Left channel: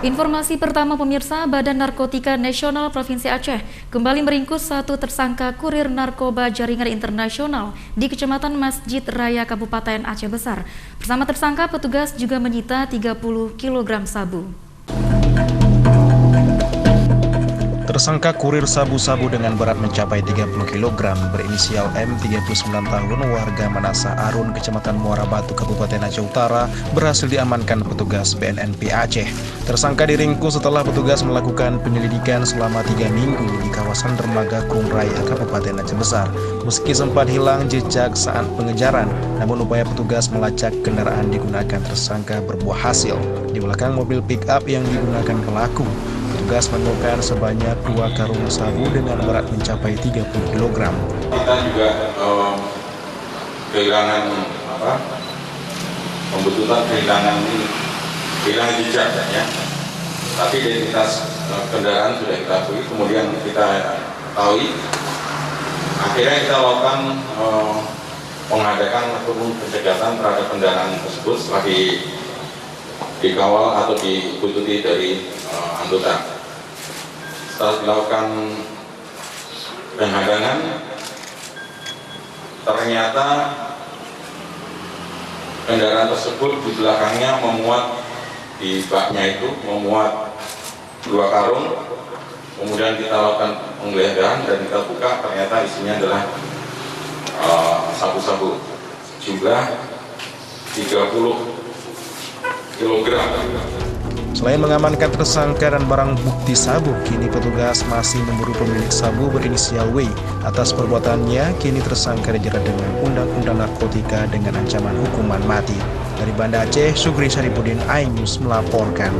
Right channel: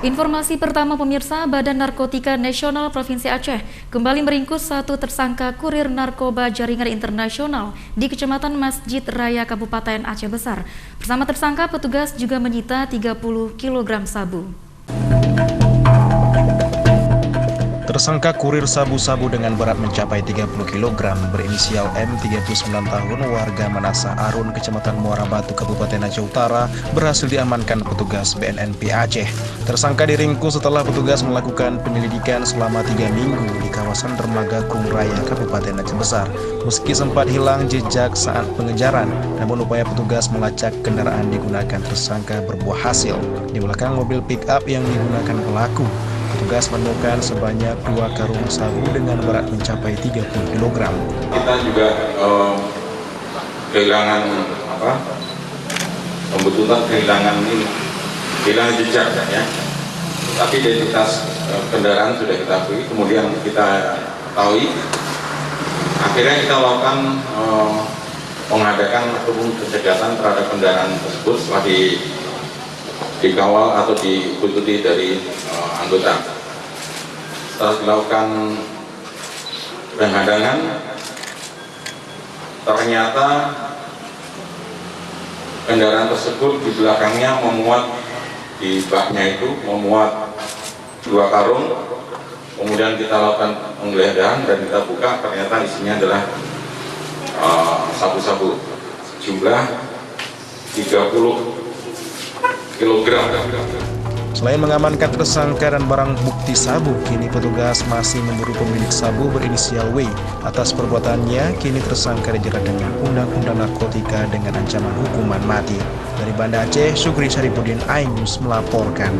Informasi pertama pemirsa, Badan Narkotika Nasional Provinsi Aceh kembali meringkus satu tersangka kurir narkoba jaringan internasional di Kecamatan Masjid Raya Kabupaten Aceh Besar. Bersama tersangka, petugas juga menyita 30 kg sabu. Tersangka kurir sabu-sabu dengan berat mencapai 30 kg berinisial M, 39 tahun, warga Manasah Arun, Kecamatan Muara Batu, Kabupaten Aceh Utara, berhasil diamankan petugas BNNP Aceh. Tersangka diringkus setelah petugas melakukan penyelidikan selama 3 minggu di kawasan Dermaga Kung Raya, Kabupaten Aceh Besar. Meski sempat hilang jejak saat pengejaran, namun upaya petugas melacak kendaraan digunakan tersangka berbuah hasil. Di belakang mobil pick-up yang digunakan pelaku, petugas menemukan sebanyak 2 karung sabu dengan berat mencapai 30 kg. Kita juga kehilangan pembetulan kehilangan jejak ya. Tapi identitas kendaraan sudah kita akui, kemudian kita ketahui. Akhirnya kita lakukan mengadakan ataupun pencegahan terhadap kendaraan tersebut setelah dikawal atau diikuti dari anggota. Setelah dilakukan penghadangan, ternyata kendaraan tersebut di belakangnya memuat, di baknya itu memuat 2 karung. Kemudian kita lakukan penggeledahan dan kita buka, ternyata isinya adalah sabu-sabu jumlah 30 kg. Selain mengamankan tersangka dan barang bukti sabu, kini petugas masih memburu pemilik sabu berinisial W. Atas perbuatannya, kini tersangka dijerat dengan Undang-Undang Narkotika dengan ancaman hukuman mati. Dari Banda Aceh, Sugri Syaripudin, iNews melaporkan.